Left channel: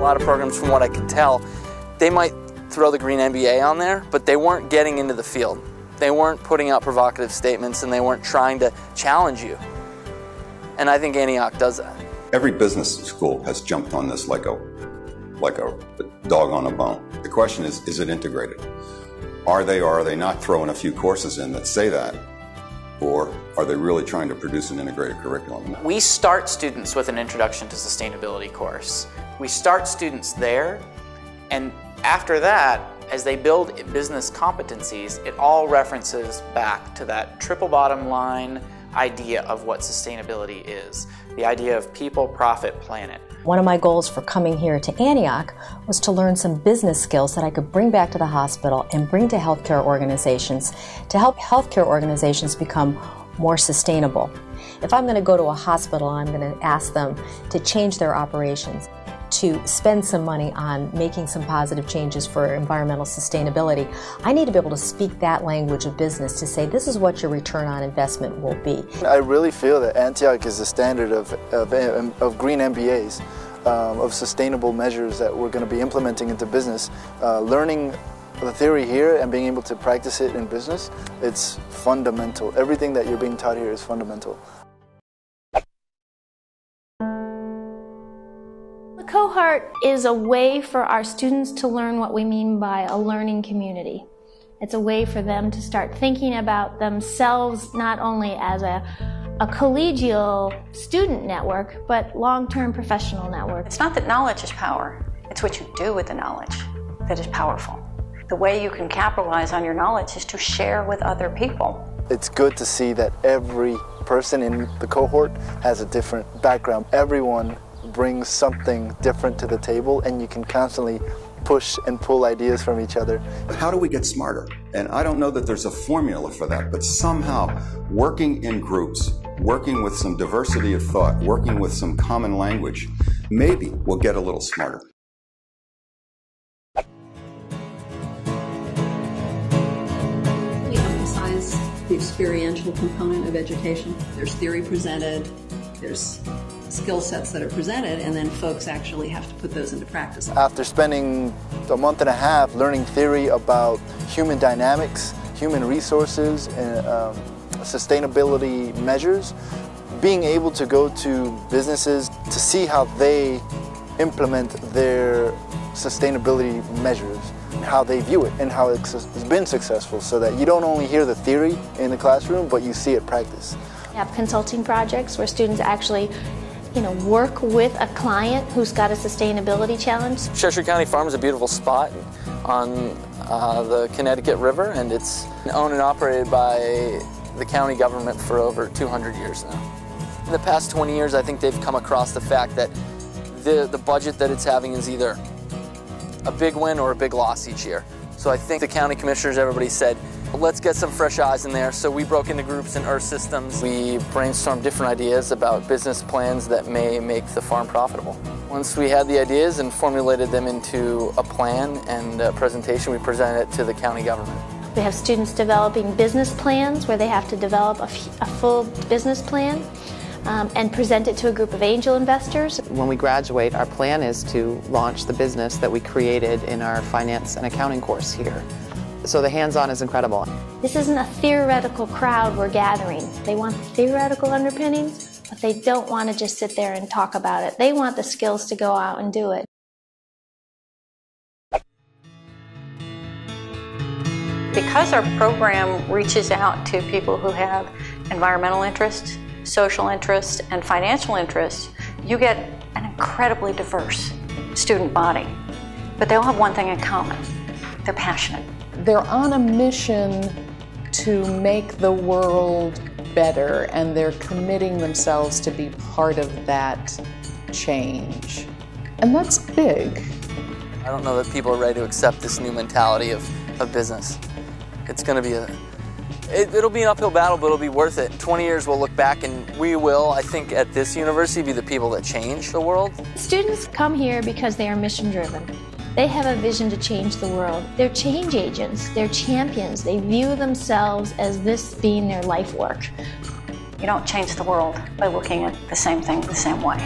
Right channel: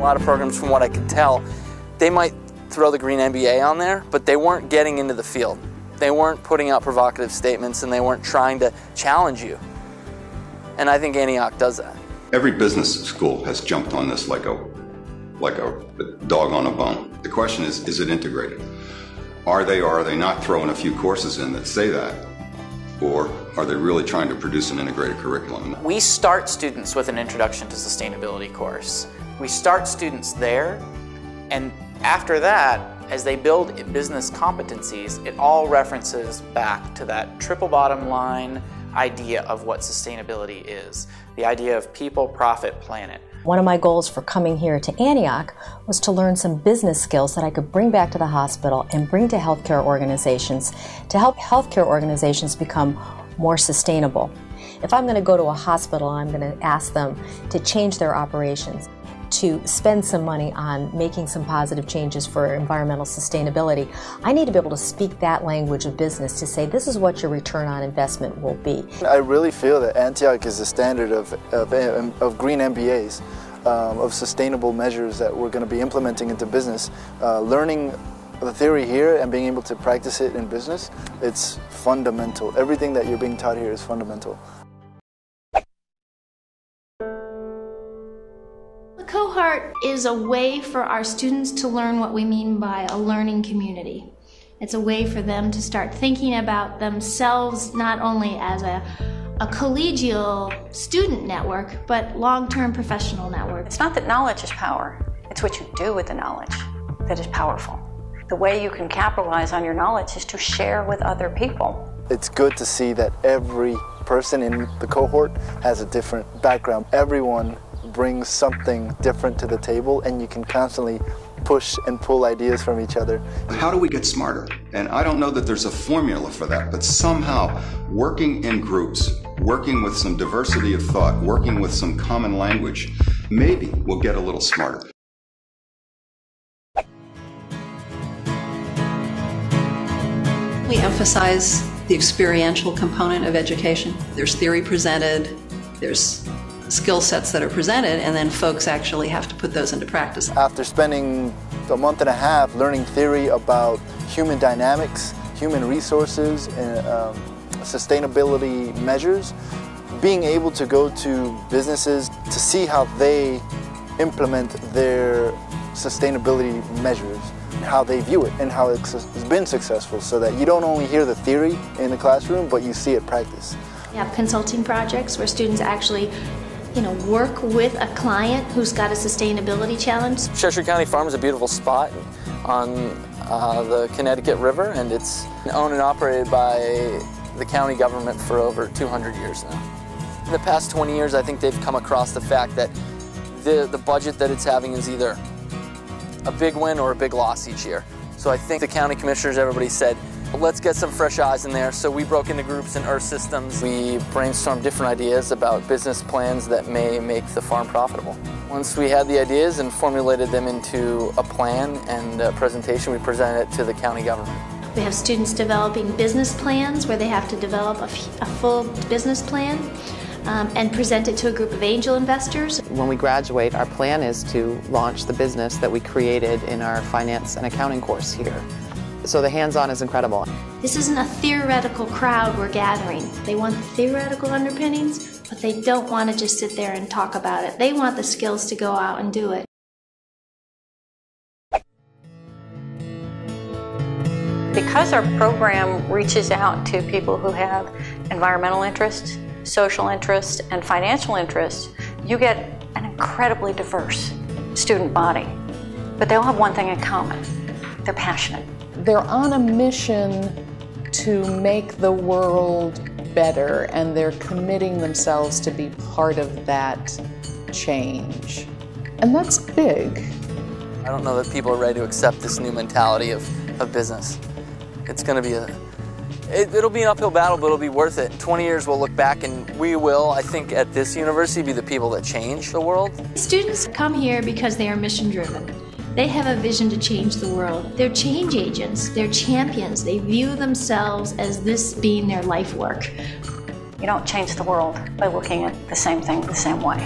lot of programs, from what I can tell, they might throw the Green MBA on there, but they weren't getting into the field. They weren't putting out provocative statements, and they weren't trying to challenge you. And I think Antioch does that. Every business school has jumped on this like a dog on a bone. The question is it integrated? Are they or are they not throwing a few courses in that say that? Or are they really trying to produce an integrated curriculum? We start students with an Introduction to Sustainability course. We start students there, and after that, as they build business competencies, it all references back to that triple bottom line idea of what sustainability is. The idea of people, profit, planet. One of my goals for coming here to Antioch was to learn some business skills that I could bring back to the hospital and bring to healthcare organizations to help healthcare organizations become more sustainable. If I'm going to go to a hospital, I'm going to ask them to change their operations, to spend some money on making some positive changes for environmental sustainability. I need to be able to speak that language of business to say this is what your return on investment will be. I really feel that Antioch is the standard of Green MBAs, of sustainable measures that we're going to be implementing into business. Learning the theory here and being able to practice it in business, it's fundamental. Everything that you're being taught here is fundamental. Cohort is a way for our students to learn what we mean by a learning community. It's a way for them to start thinking about themselves not only as a collegial student network, but long-term professional network. It's not that knowledge is power, it's what you do with the knowledge that is powerful. The way you can capitalize on your knowledge is to share with other people. It's good to see that every person in the cohort has a different background. Everyone brings something different to the table, and you can constantly push and pull ideas from each other. How do we get smarter? And I don't know that there's a formula for that, but somehow working in groups, working with some diversity of thought, working with some common language, maybe we'll get a little smarter. We emphasize the experiential component of education. There's theory presented, there's skill sets that are presented, and then folks actually have to put those into practice. After spending a month and a half learning theory about human dynamics, human resources, and sustainability measures, being able to go to businesses to see how they implement their sustainability measures, how they view it, and how it's been successful, so that you don't only hear the theory in the classroom, but you see it practice. We have consulting projects where students actually work with a client who's got a sustainability challenge. Cheshire County Farm is a beautiful spot on the Connecticut River, and it's owned and operated by the county government for over 200 years now. In the past 20 years, I think they've come across the fact that the budget that it's having is either a big win or a big loss each year. So I think the county commissioners, everybody said, let's get some fresh eyes in there. So we broke into groups in Earth Systems. We brainstormed different ideas about business plans that may make the farm profitable. Once we had the ideas and formulated them into a plan and a presentation, we presented it to the county government. We have students developing business plans where they have to develop a full business plan and present it to a group of angel investors. When we graduate, our plan is to launch the business that we created in our finance and accounting course here. So the hands-on is incredible. This isn't a theoretical crowd we're gathering. They want the theoretical underpinnings, but they don't want to just sit there and talk about it. They want the skills to go out and do it. Because our program reaches out to people who have environmental interests, social interests, and financial interests, you get an incredibly diverse student body. But they all have one thing in common. They're passionate. They're on a mission to make the world better, and they're committing themselves to be part of that change. And that's big. I don't know that people are ready to accept this new mentality of business. It's going to be it'll be an uphill battle, but it'll be worth it. 20 years we'll look back and we will, I think, at this university be the people that change the world. Students come here because they are mission driven. They have a vision to change the world. They're change agents, they're champions. They view themselves as this being their life work. You don't change the world by looking at the same thing the same way.